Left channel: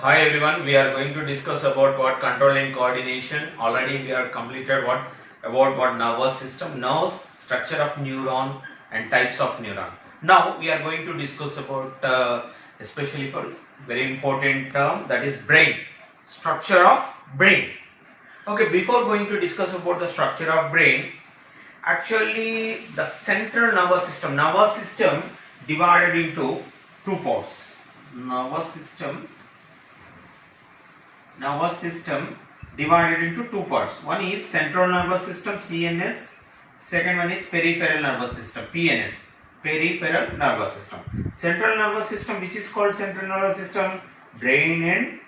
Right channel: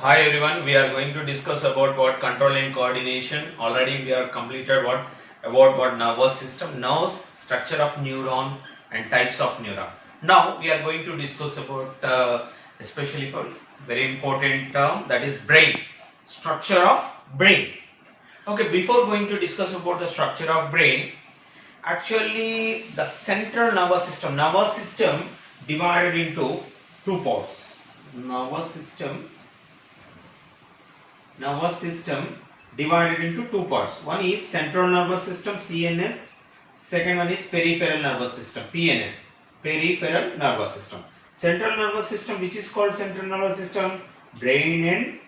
Hi everyone, we are going to discuss about what control and coordination. Already we are completed what nervous system, nerves, structure of neuron and types of neuron. Now we are going to discuss about especially for very important term, that is brain, structure of brain. Okay, before going to discuss about the structure of brain, actually the central nervous system divided into two parts. Nervous system divided into two parts. One is central nervous system CNS, second one is peripheral nervous system PNS, peripheral nervous system. Central nervous system, which is called central nervous system, brain and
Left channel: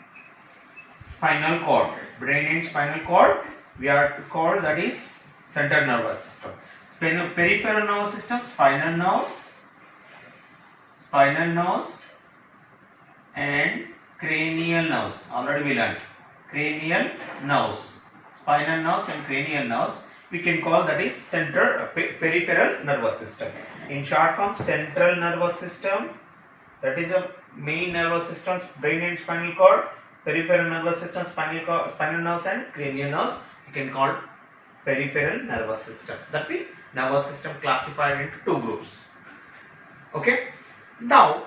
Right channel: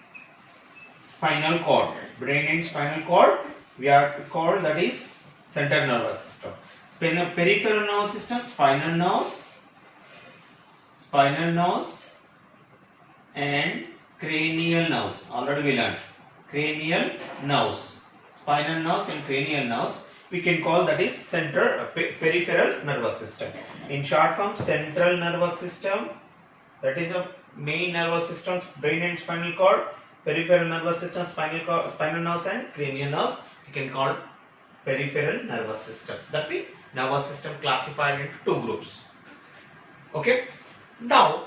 spinal cord. Brain and spinal cord we are called, that is central nervous system. Peripheral nervous system, spinal nerves and cranial nerves. Already we learned cranial nerves, spinal nerves and cranial nerves. We can call that is peripheral nervous system. In short form, central nervous system, that is a main nervous systems, brain and spinal cord. Peripheral nervous system, spinal nerves and cranial nerves. We can call peripheral nervous system. That means nervous system classified into two groups. Okay. Now,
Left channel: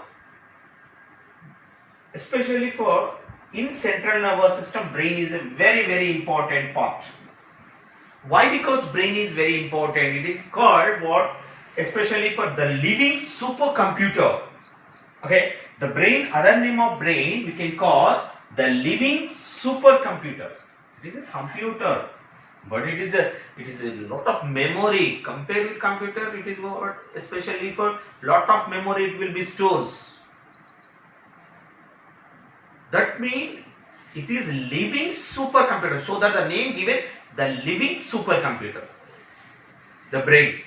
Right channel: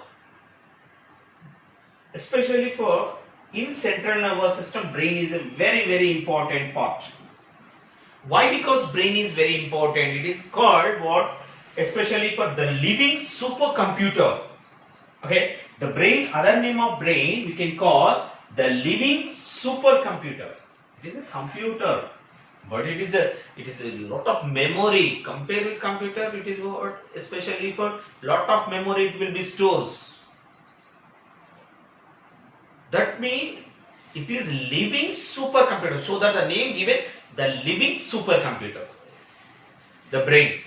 especially for in central nervous system, brain is a very important part. Why? Because brain is very important. It is called what? Especially for the living supercomputer. Okay, the brain, other name of brain we can call the living supercomputer. It is a computer, but it is a lot of memory. Compare with computer, it is what? Especially for lot of memory it will be stores. That means it is living supercomputer. So that the name given, the living supercomputer. The brain.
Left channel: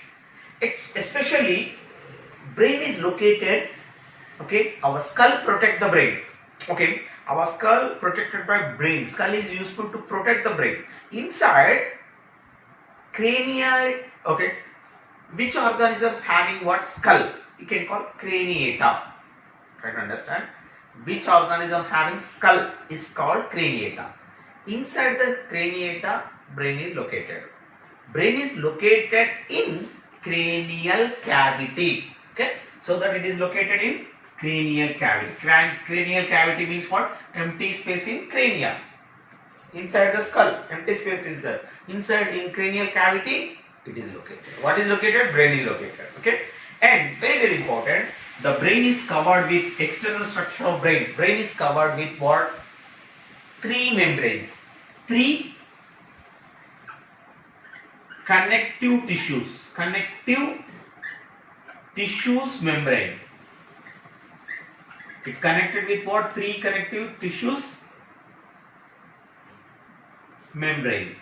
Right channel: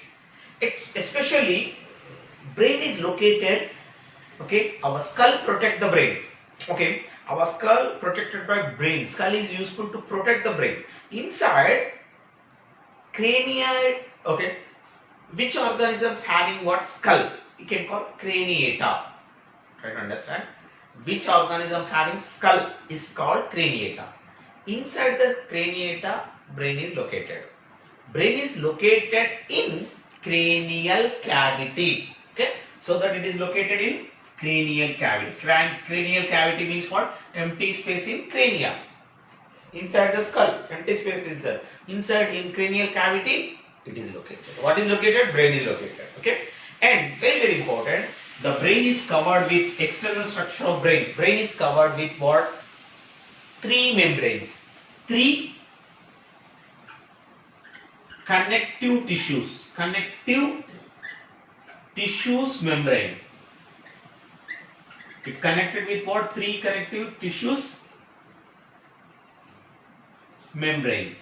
Especially brain is located, okay, our skull protect the brain. Okay, our skull protected by brain. Skull is useful to protect the brain. Inside cranial, okay, which organisms having what? Skull. You can call craniata. Try to understand. Which organism having skull is called craniata. Inside the craniata, brain is located. Brain is located in cranial cavity. Okay, so that it is located in cranial cavity. Cranial cavity means what? Empty space in cranium. Inside the skull, empty space is there. Inside in cranial cavity, it is located. What is located? Brain is located. Okay, and very important. The brain is covered with external structure of brain. Brain is covered with what? Three membranes. Three connective tissues. Connective tissues membrane. It connected with what? Three connective tissues membrane.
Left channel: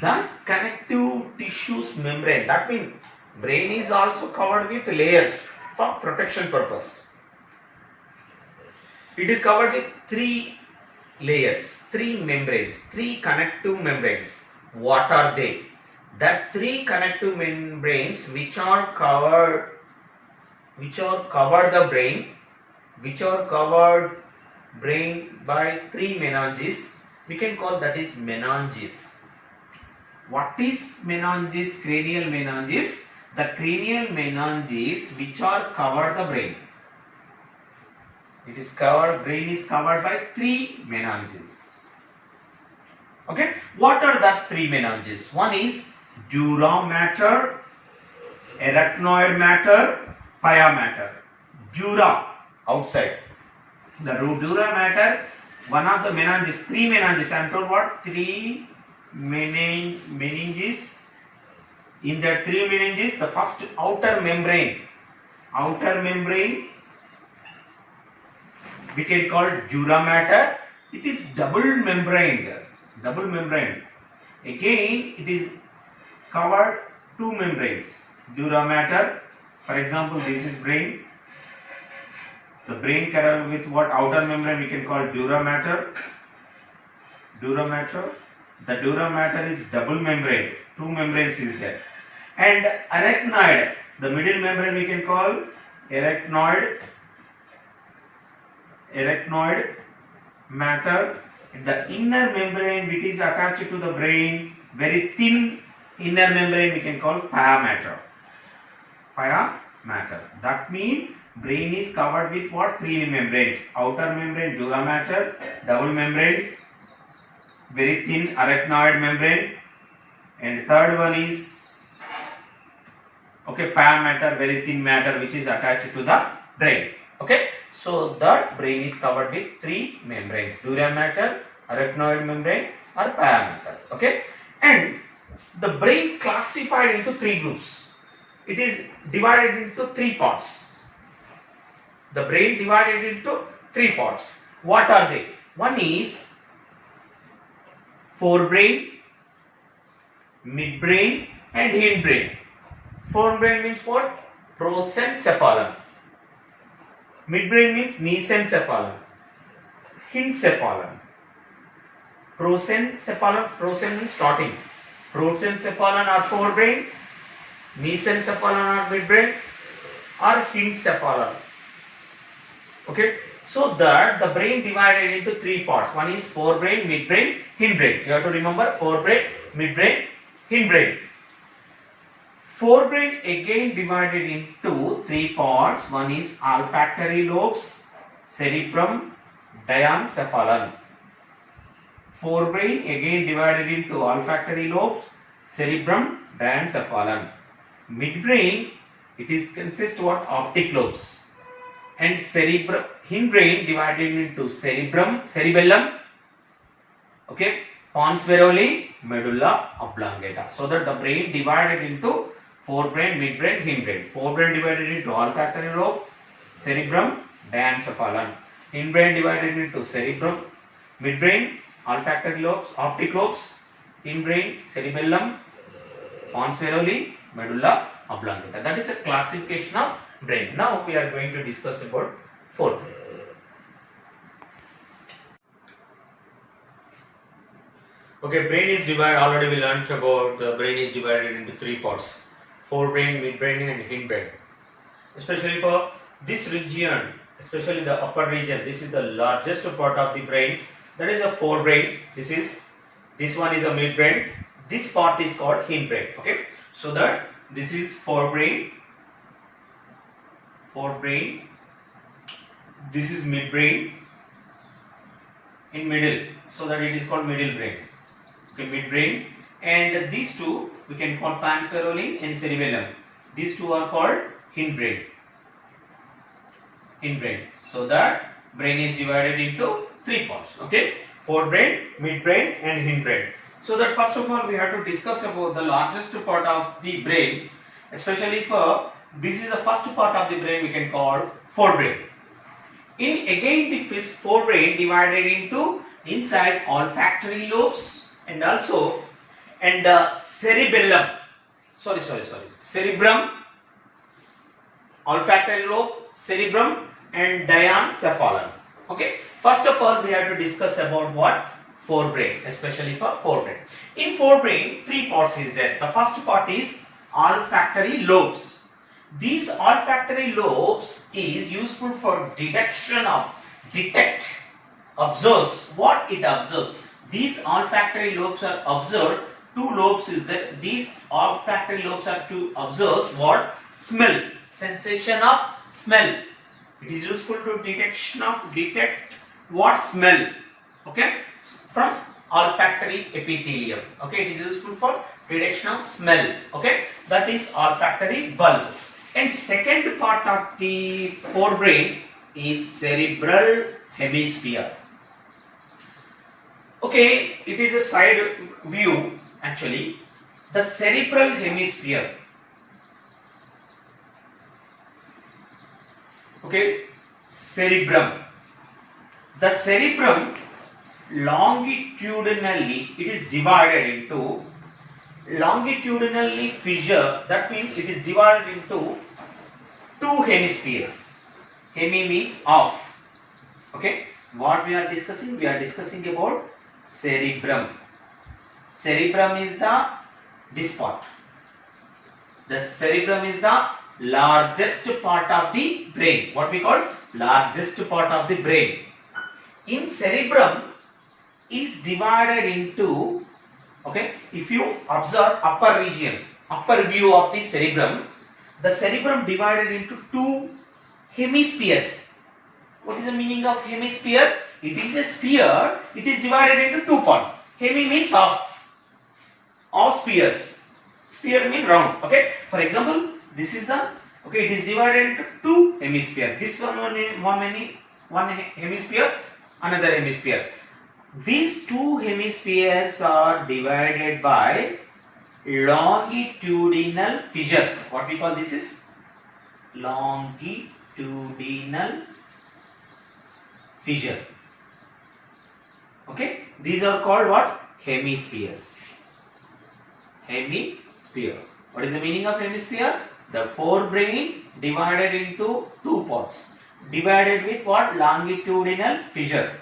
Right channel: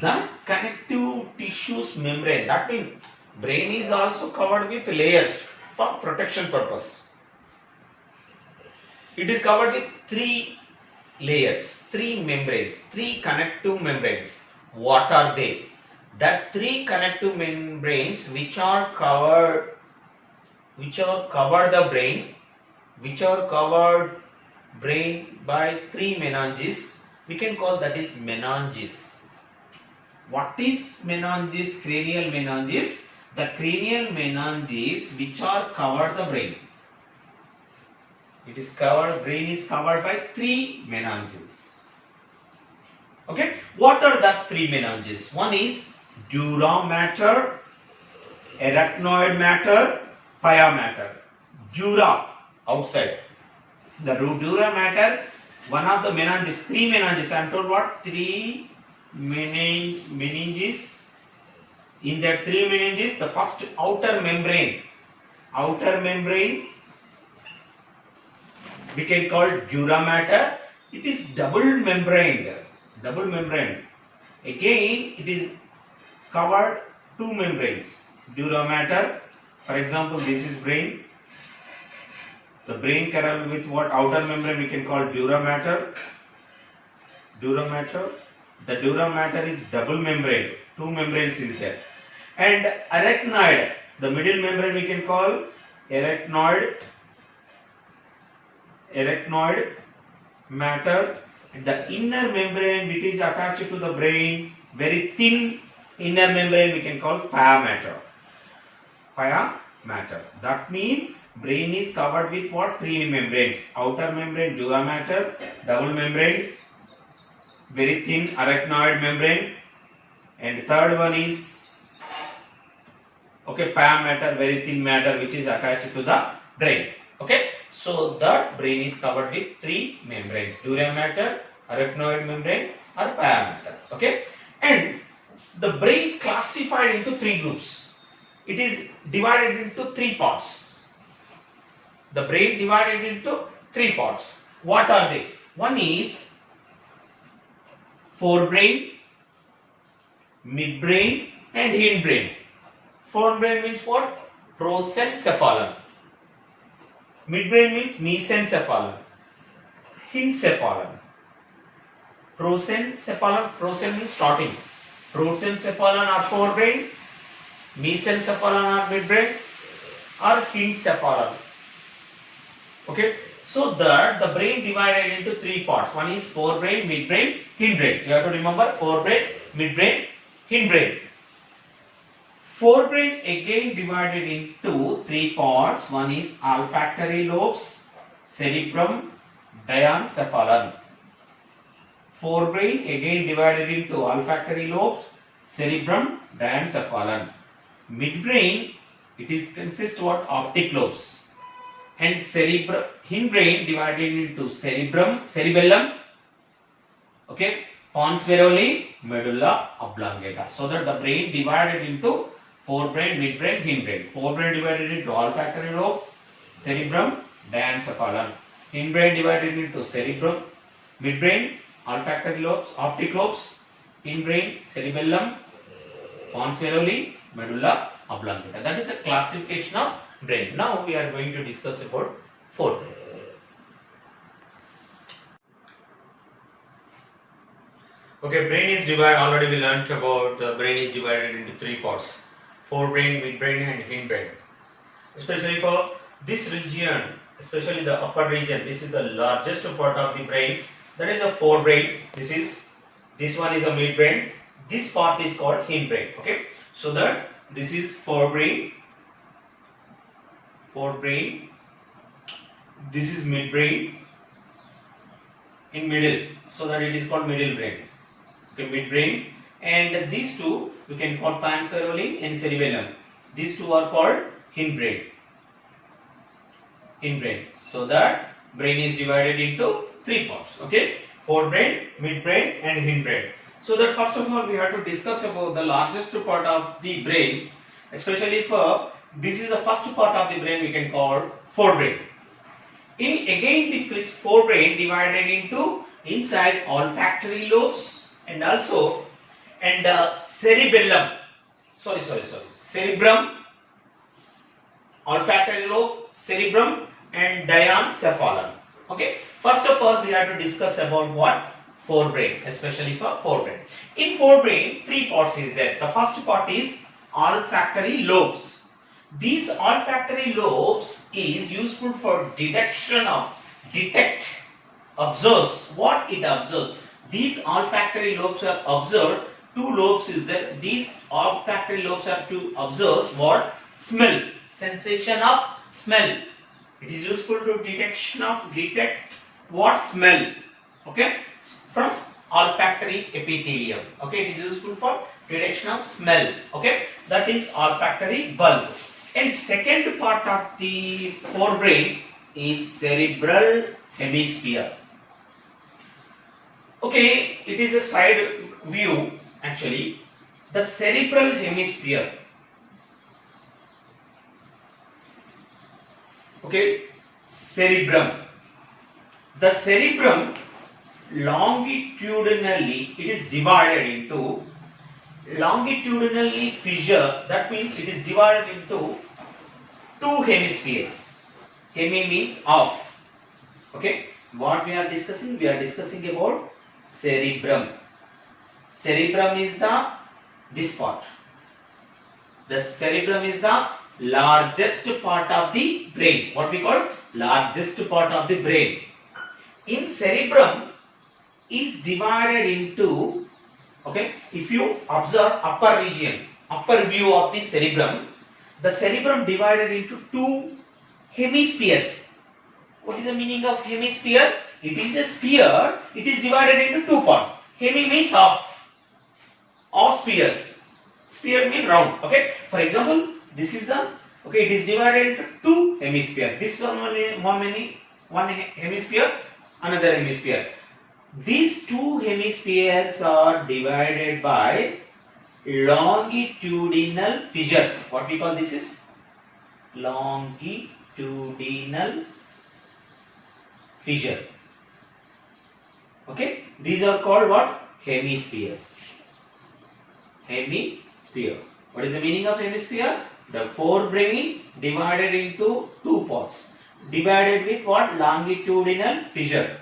The connective tissues membrane. That means brain is also covered with layers for protection purpose. It is covered with three layers, three membranes, three connective membranes. What are they? That three connective membranes which are covered the brain by three meninges. We can call that is meninges. What is meninges? Cranial meninges. The cranial meninges which are covered the brain. It is covered, brain is covered by three meninges. Okay, what are the three meninges? One is dura mater, arachnoid mater, pia mater. Dura outside. The dura mater, one of the meninges, three meninges. I am told what? Three meninges. In that three meninges, the first outer membrane we can call dura mater. It is double membrane. Again, it is covered two membranes. Dura mater. For example, this is brain. The brain covered with what? Outer membrane we can call dura mater. The dura mater is double membrane. Two membranes is there. And arachnoid, the middle membrane we can call arachnoid arachnoid matter. The inner membrane which is attached to the brain, very thin inner membrane, we can call pia matter. Pia matter. That means brain is covered with what? Three membranes. Outer membrane, dura mater, double membrane, very thin arachnoid membrane, and third one is pia matter, very thin matter which is attached to the brain. Okay, so that brain is covered with three membranes: dura mater, arachnoid membrane, or pia matter. Okay, and the brain classified into three groups. It is divided into three parts. The brain divided into three parts. What are they? One is forebrain, midbrain, and hindbrain. Forebrain means what? Prosencephalon. Midbrain means mesencephalon. Hindcephalon. Prosencephalon. Prosen means starting. Prosencephalon are forebrain, mesencephalon are midbrain, or hindcephalon. Okay, so that the brain divided into three parts. One is forebrain, midbrain, hindbrain. You have to remember forebrain, midbrain, hindbrain. Forebrain again divided into three parts. One is olfactory lobes, cerebrum, diencephalon. Forebrain again divided into olfactory lobes, cerebrum, diencephalon. Midbrain, it is consists what? Optic lobes. And cerebrum, hindbrain divided into cerebellum, okay, pons varoli, medulla oblongata. So that the brain divided into forebrain, midbrain, hindbrain. Forebrain divided into olfactory lobe, cerebrum, diencephalon. Hindbrain divided into cerebrum, midbrain, olfactory lobes, optic lobes, hindbrain, cerebellum, pons varoli, medulla oblongata. That is a classification of brain. Now we are going to discuss about forebrain. Okay, brain is divided. Already we learnt about the brain is divided into three parts: forebrain, midbrain, and hindbrain. Especially for this region, especially the upper region, this is the largest part of the brain. That is a forebrain. This one is a midbrain. This part is called hindbrain. Okay, so that this is forebrain. This is midbrain in middle, so that it is called middle brain. Okay, midbrain, and these two we can call pons varoli and cerebellum. These two are called hindbrain. So that brain is divided into three parts. Okay, forebrain, midbrain, and hindbrain. So that first of all we have to discuss about the largest part of the brain, especially for this is the first part of the brain we can call forebrain. Again the forebrain divided into inside olfactory lobes and also cerebellum. Cerebrum, olfactory lobe, cerebrum, and diencephalon. Okay. First of all, we have to discuss about what? Forebrain, especially for forebrain. In forebrain, three parts is there. The first part is olfactory lobes. These olfactory lobes is useful for observes what it observes. These olfactory lobes are observed. Two lobes is there. These olfactory lobes are to observe what? Smell, sensation of smell. It is useful to detect what? Smell. Okay, from olfactory epithelium. Okay, it is useful for detection of smell. Okay, that is olfactory bulb. And second part of the forebrain is cerebral hemisphere. Okay, it is a side view actually. The cerebral hemisphere. Okay, cerebrum. The cerebrum longitudinally it is divided into longitudinally fissure. That means it is divided into two hemispheres. Hemi means off. Okay, what we are discussing? We are discussing about cerebrum. Cerebrum is this part. The cerebrum is the largest part of the brain. What we call largest part of the brain. In cerebrum is divided into, okay, if you observe upper region, upper view of the cerebrum divided into two hemispheres. What is the meaning of hemisphere? It is a sphere, it is divided into two parts. Hemi means half. Of spheres. Sphere means round. Okay. For example, this is the, okay, it is divided into two hemispheres. This one hemisphere, another hemisphere. These two hemispheres are divided by longitudinal fissure. What we call this is longitudinal fissure. Okay. These are called what? Hemispheres. Hemisphere. What is the meaning of hemisphere? The forebrain divided into two parts. Divided with what? Longitudinal fissure.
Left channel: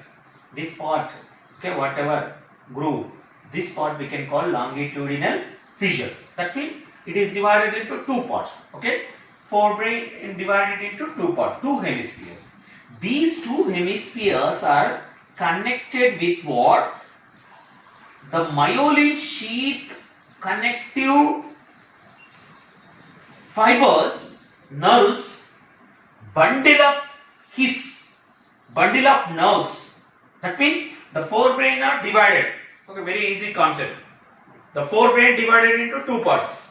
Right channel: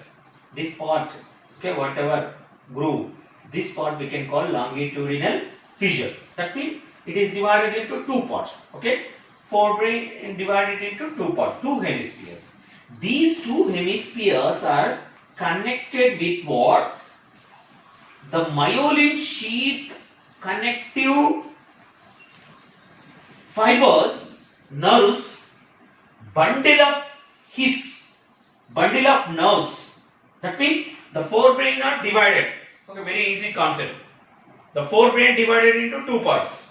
This part, okay, whatever groove, this part we can call longitudinal fissure. That means it is divided into two parts. Okay, forebrain divided into two parts, two hemispheres. These two hemispheres are connected with what? The myelin sheath connective fibers, nerves, bundle of nerves. That means the forebrain are divided. Okay, very easy concept. The forebrain divided into two parts.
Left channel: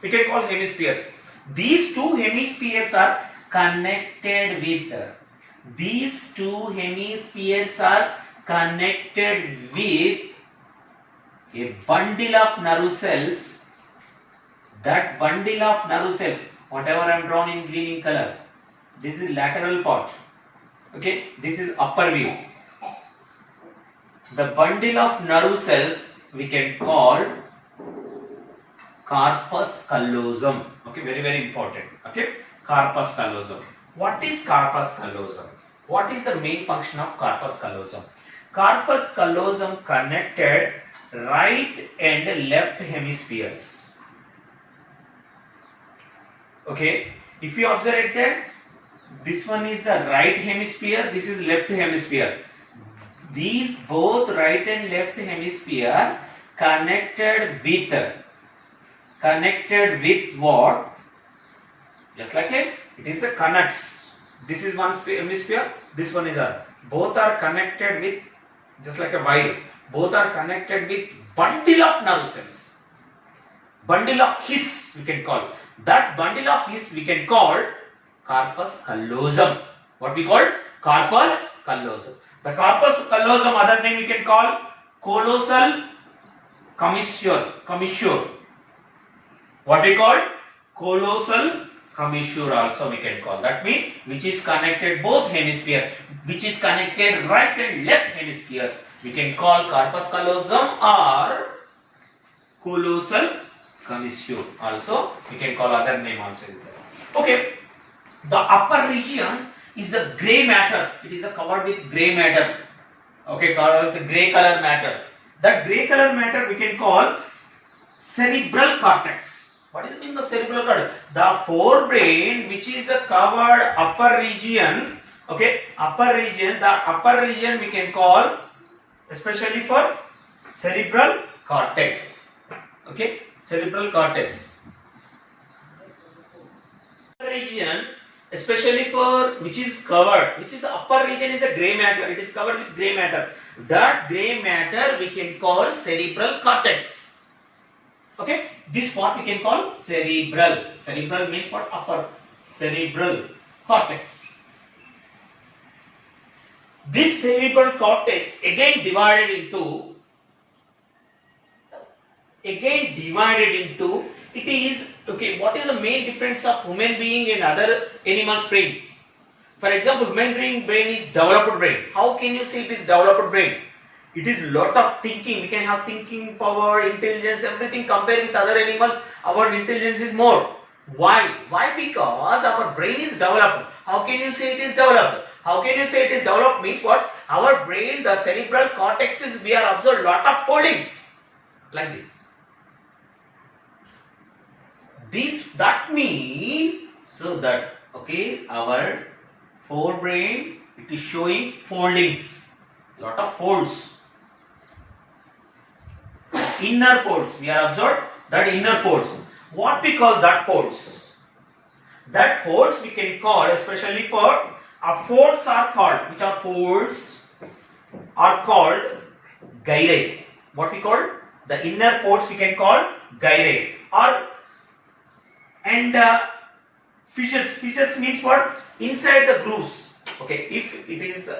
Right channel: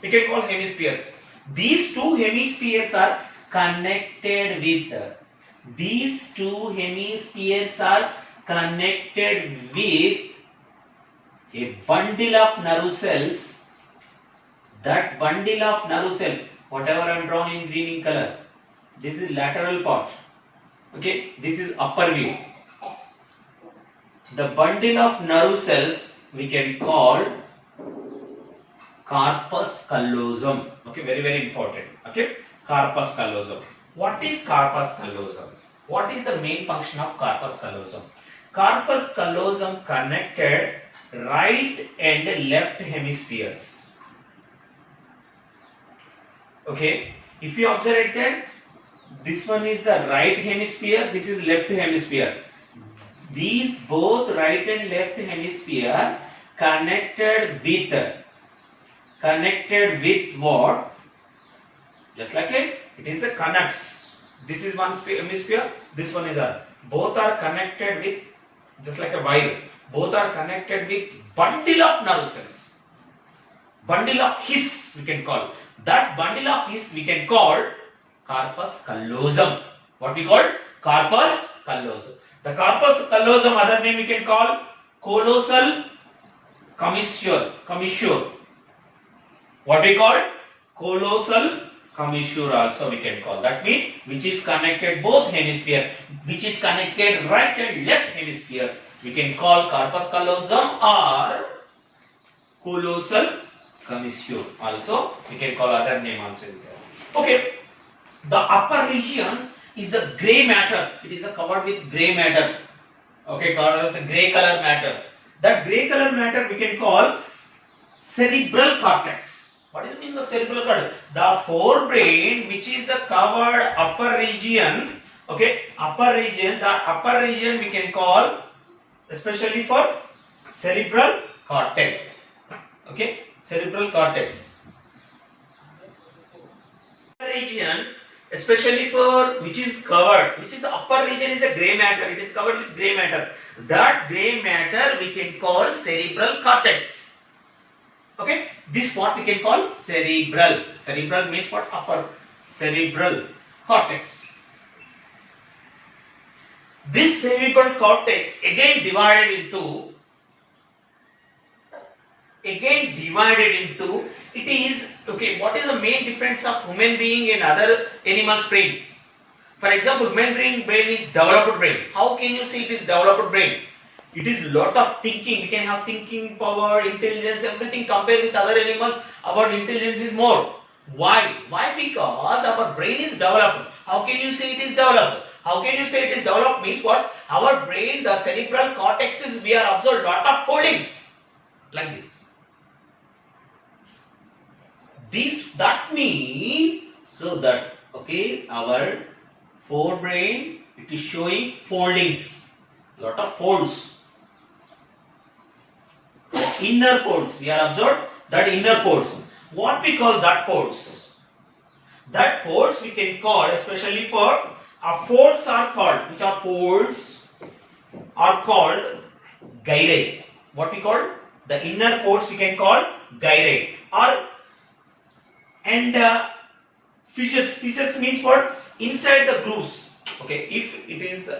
We can call hemispheres. These two hemispheres are connected with. These two hemispheres are connected with a bundle of nerve cells. That bundle of nerve cells, whatever I am drawn in green in color, this is lateral part. Okay, this is upper view. The bundle of nerve cells we can call corpus callosum. Okay, very, very important. Okay, corpus callosum. What is corpus callosum? What is the main function of corpus callosum? Corpus callosum connected right and left hemispheres. Okay, if you observe it there, this one is the right hemisphere, this is left hemisphere. These both right and left hemisphere connected with what? Just like it is a connects. This is one hemisphere, this one is a. Both are connected with, just like a wire. Both are connected with bundle of nerve cells. Bundle of His we can call. That bundle of His we can call corpus callosum. What we call? Corpus callosum. The corpus callosum, other name we can call callosal commissure. What we call? Callosal commissure also we can call. That means which is connected both hemisphere, which is connected right and left hemispheres. We can call corpus callosum or callosal commissure. Also we can call other name also is there. Okay. The upper region is the grey matter. It is covered with grey matter. Okay, covered with grey color matter. That grey color matter we can call cerebral cortex. What is the meaning of cerebral cortex? The forebrain, which is the covered upper region. Okay, upper region. The upper region we can call, especially for cerebral cortex. Okay, cerebral cortex. Region, especially for which is covered, which is the upper region is the grey matter. It is covered with grey matter. That grey matter we can call cerebral cortex. Okay, this part we can call cerebral. Cerebral means what? Upper. Cerebral cortex. This cerebral cortex again divided into, it is, okay, what is the main difference of human being and other animals' brain? For example, human brain is developed brain. How can you say it is developed brain? It is lot of thinking. We can have thinking power, intelligence, everything. Compared with other animals, our intelligence is more. Why? Why? Because our brain is developed. How can you say it is developed? How can you say it is developed means what? Our brain, the cerebral cortex is, we are observed lot of foldings like this. that means so that okay, our forebrain, it is showing foldings, lot of folds, inner folds. We have observed that inner folds. What we call that folds? That folds we can call, especially for folds are called, which are folds are called gyri. What we call the inner folds we can call gyri, or and fissures. Fissures means what? Inside the grooves. Okay, if it is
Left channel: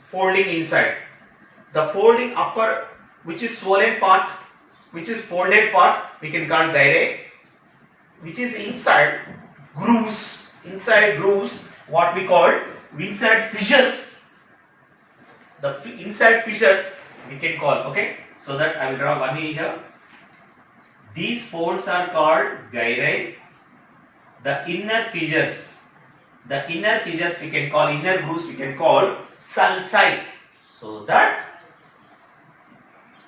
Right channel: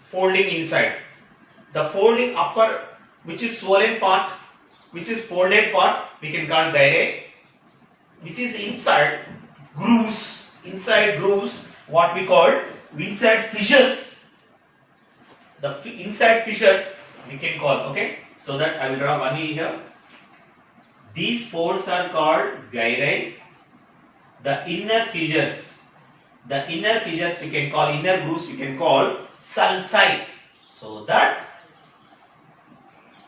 folding inside, the folding upper, which is swollen part, which is folded part, we can call gyri. Which is inside grooves, what we call inside fissures. The inside fissures we can call. Okay, so that I will draw one here. These folds are called gyri. The inner fissures we can call, inner grooves we can call sulci. So that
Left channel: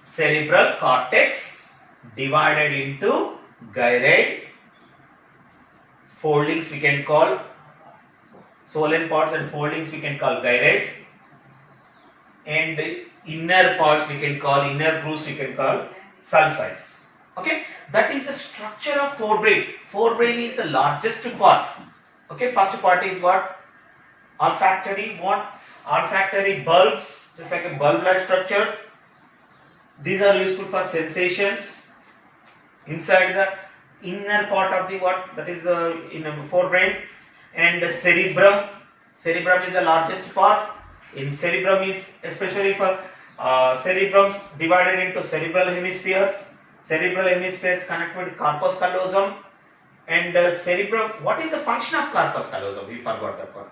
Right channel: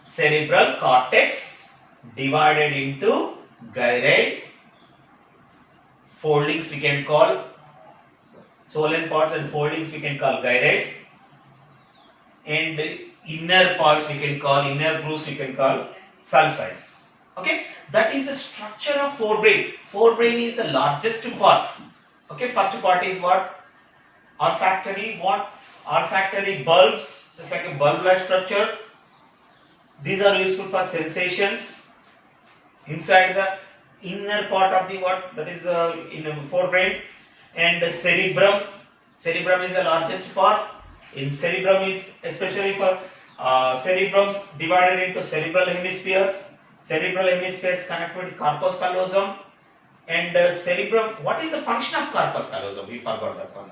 cerebral cortex divided into gyri. Foldings we can call swollen parts, and foldings we can call gyres, and inner parts we can call, inner grooves we can call sulci. Okay, that is the structure of forebrain. Forebrain is the largest part. Okay, first part is what? Olfactory. What? Olfactory bulbs, just like a bulb-like structure. These are useful for sensations. Inside the inner part of the what? That is in forebrain. And the cerebrum. Cerebrum is the largest part. In cerebrum is especially for cerebrums divided into cerebral hemispheres. Cerebral hemispheres connected with corpus callosum. And cerebrum, what is the function of corpus callosum? We forgot that one.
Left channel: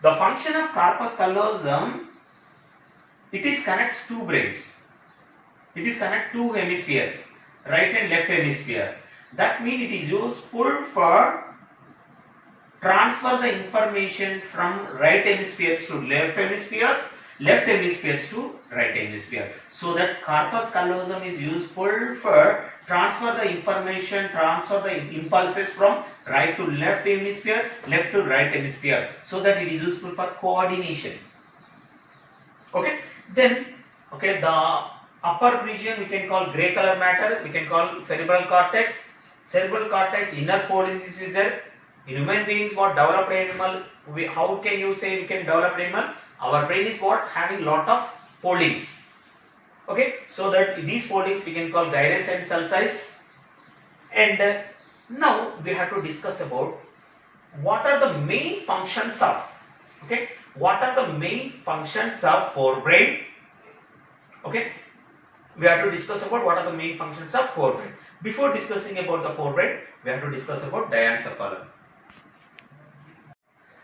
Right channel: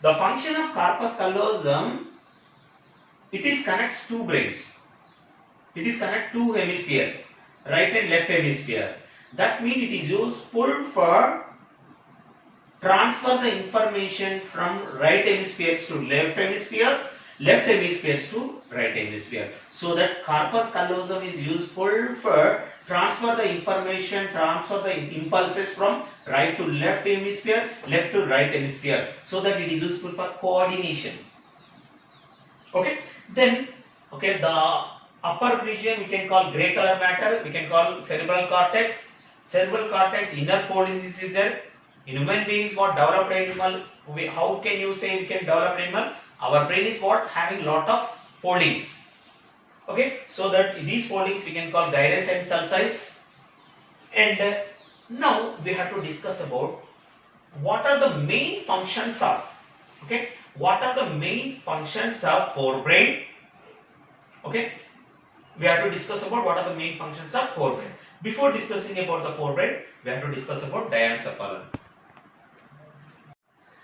The function of corpus callosum, it is connects two brains. It is connect two hemispheres, right and left hemisphere. That means it is useful for transfer the information from right hemispheres to left hemispheres, left hemispheres to right hemisphere. So that corpus callosum is useful for transfer the information, transfer the impulses from right to left hemisphere, left to right hemisphere. So that it is useful for coordination. Okay. Then, okay, the upper region we can call grey color matter, we can call cerebral cortex. Cerebral cortex, inner folding is there. In human beings, what developed animal, how can you say we can develop animal? Our brain is what? Having lot of foldings. Okay, so that these foldings we can call gyrus and sulci. And now we have to discuss about what are the main functions of, okay, what are the main functions of forebrain. Okay, we have to discuss about what are the main functions of forebrain. Before discussing about the forebrain, we have to discuss about diencephalon.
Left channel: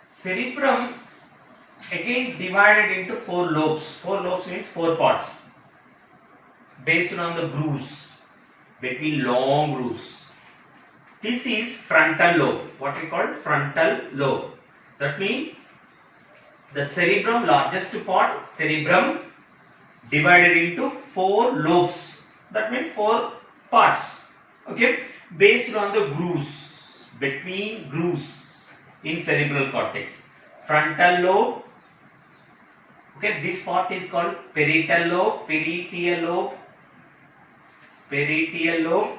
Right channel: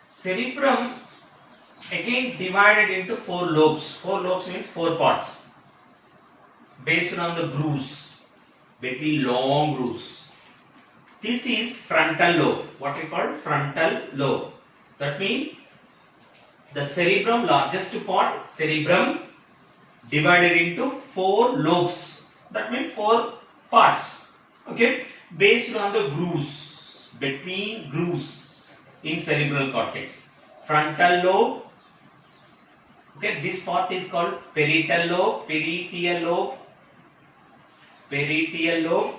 Cerebrum again divided into four lobes. Four lobes means four parts based on the grooves, between long grooves. This is frontal lobe. What we call frontal lobe. That means the cerebrum, largest part, cerebrum divided into four lobes. That means four parts. Okay, based on the grooves, between grooves in cerebral cortex. Frontal lobe. Okay, this part is called parietal lobe, parietal lobe, parietal lobe,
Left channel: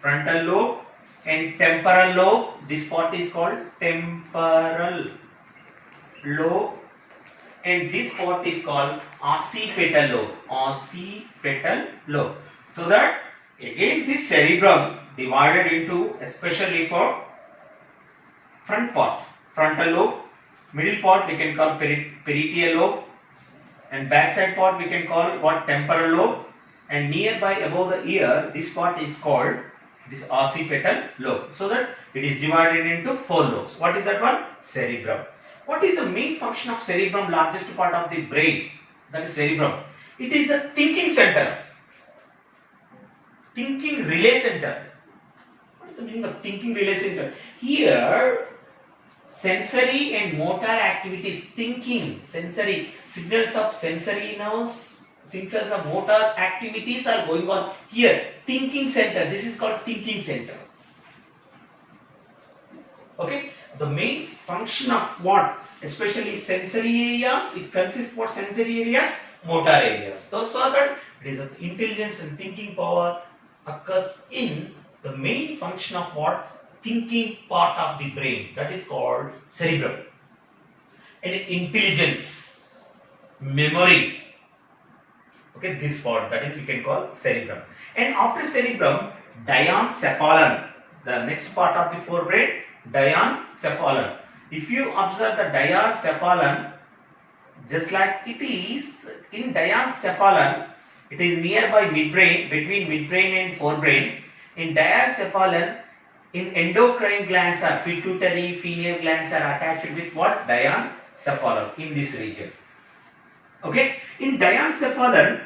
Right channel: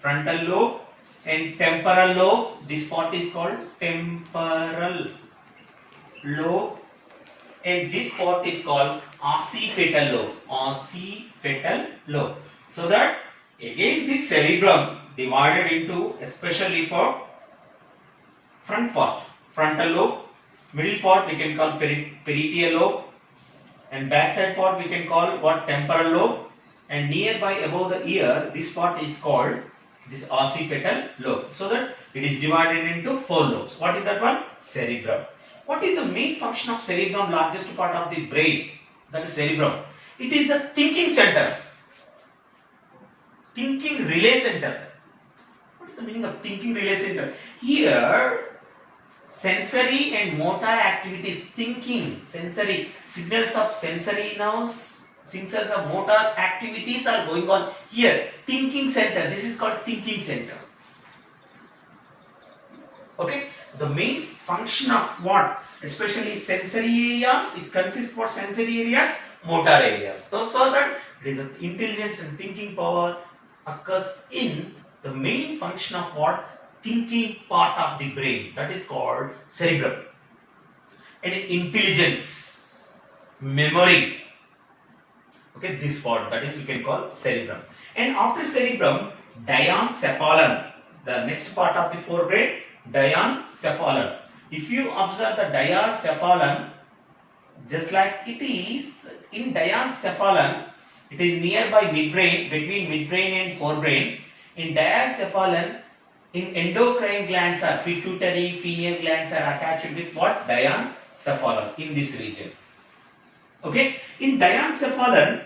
frontal lobe, and temporal lobe. This part is called temporal lobe, and this part is called occipital lobe, occipital lobe. So that again this cerebrum divided into, especially for front part, frontal lobe, middle part we can call parietal lobe, and backside part we can call what? Temporal lobe, and nearby above the ear this part is called this occipital lobe. So that it is divided into four lobes. What is that one? Cerebrum. What is the main function of cerebrum, largest part of the brain? That is cerebrum. It is the thinking center, thinking relay center. What is the meaning of thinking relay center? Here sensory and motor activities, thinking, sensory, signals of sensory nerves Since the motor activities are going on here, thinking center, this is called thinking center. Okay, the main function of what, especially sensory areas, it consists what sensory areas, motor areas. So that it is an intelligence and thinking power occurs in the main function of what, thinking part of the brain, that is called cerebrum. And intelligence, memory, okay, this part, that is you can call cerebrum. And after cerebrum, diencephalon, the next part of the forebrain, diencephalon. If you observe the diencephalon, just like it is in diencephalon, it is nearby midbrain, between midbrain and forebrain. In diencephalon, in endocrine glands are pituitary, pineal glands are attached with what, diencephalon in this region. Okay, in diencephalon,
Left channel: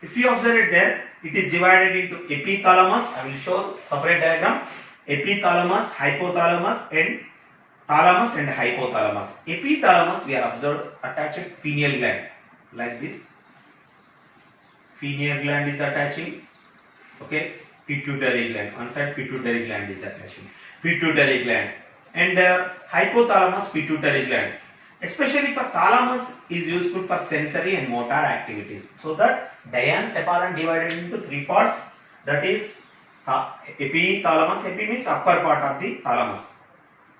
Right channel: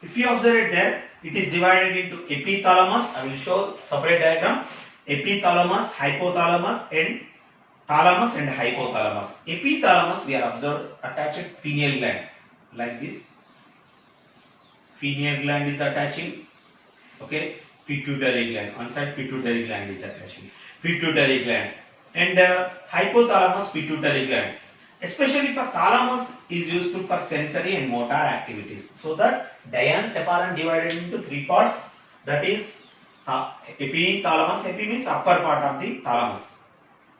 if you observe it there, it is divided into epithalamus. I will show separate diagram. Epithalamus, hypothalamus, and thalamus and hypothalamus. Epithalamus we are observed attached pineal gland like this. Pineal gland is attaching. Okay, pituitary gland. On side pituitary gland is attaching. Pituitary gland and hypothalamus, pituitary gland. Especially for thalamus is useful for sensory and motor activities. So that diencephalon divided into three parts. That is epithalamus. Epi means upper part of the thalamus.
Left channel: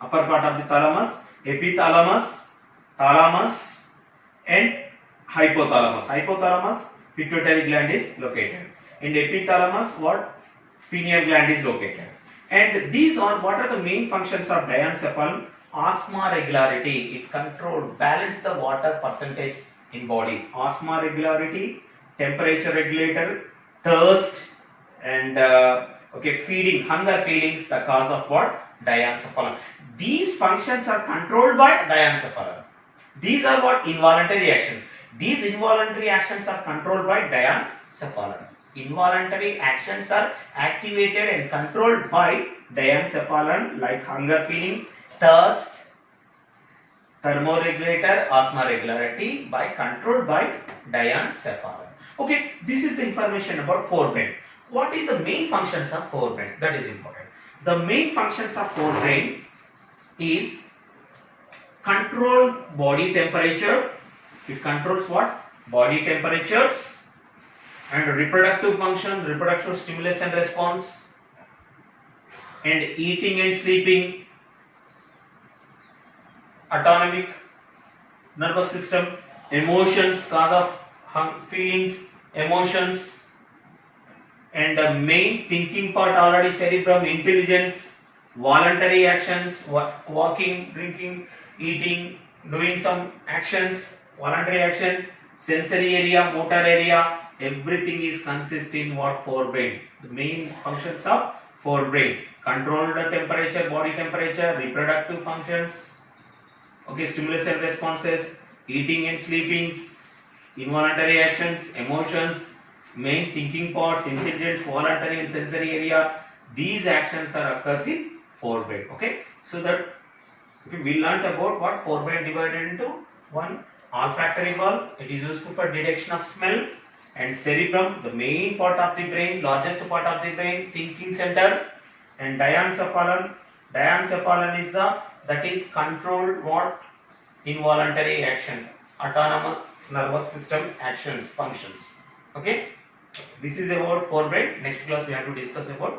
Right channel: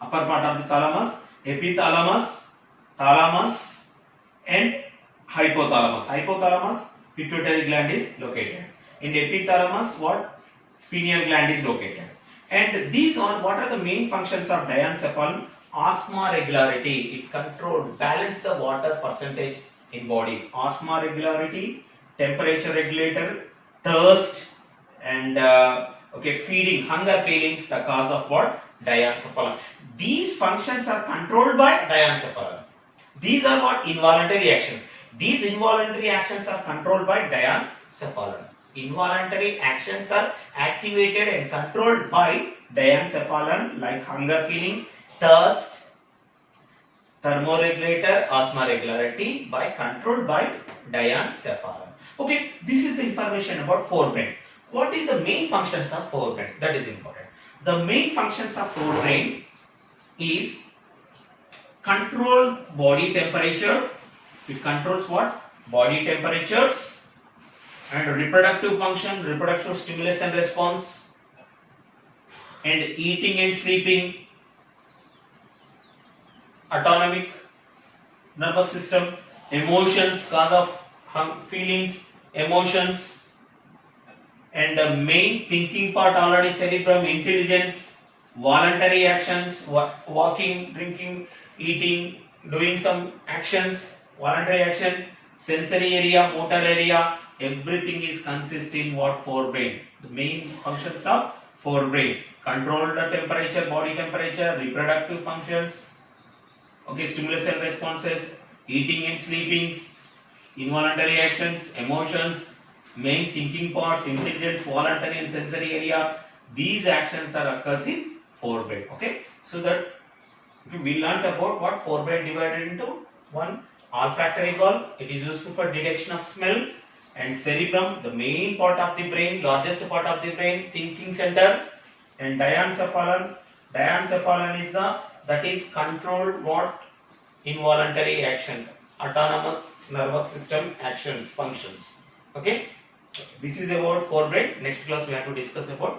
Upper part of the thalamus, epithalamus, thalamus, and hypothalamus. Hypothalamus, pituitary gland is located. In epithalamus, what, pineal gland is located. And these are what are the main functions of diencephalon? Osmoregularity, it controls, balance the water percentage in body. Osmoregularity, temperature regulator, thirst, and okay, feeding, hunger feelings, the cause of what, diencephalon. These functions are controlled by diencephalon. These are what, involuntary actions. These involuntary actions are controlled by diencephalon. Involuntary actions are activated and controlled by diencephalon, like hunger feeling, thirst, thermoregulator, osmoregularity, controlled by diencephalon. Okay, this is the information about forebrain. What is the main functions of forebrain? That is important. The main functions of forebrain is control body temperature. It controls what? Body temperatures and reproductive function, reproductive stimulus and response, and eating and sleeping, autonomic nervous system, emotions, cause of feelings, emotions, and the main thinking part already cerebrum, intelligence, voluntary actions, walking, drinking, eating, doing some actions, voluntary action, sensory area, motor area, everything is consist in what, forebrain. The main functions of forebrain: control the temperature, body temperature, reproductive functions, okay, stimulus and responses, eating and sleeping, involuntary actions, emotions, main thinking parts, intelligence, voluntary and sensory area. These actions are occurs in forebrain. Okay, so that we learnt about what forebrain divided into one, olfactory bulb, it is useful for detection of smell, and cerebrum, the main part of the brain, largest part of the brain, thinking center, and diencephalon. Diencephalon is the, that is controlled what, involuntary actions, autonomous nervous system actions, functions. Okay, this is about forebrain. Next class we have to discuss about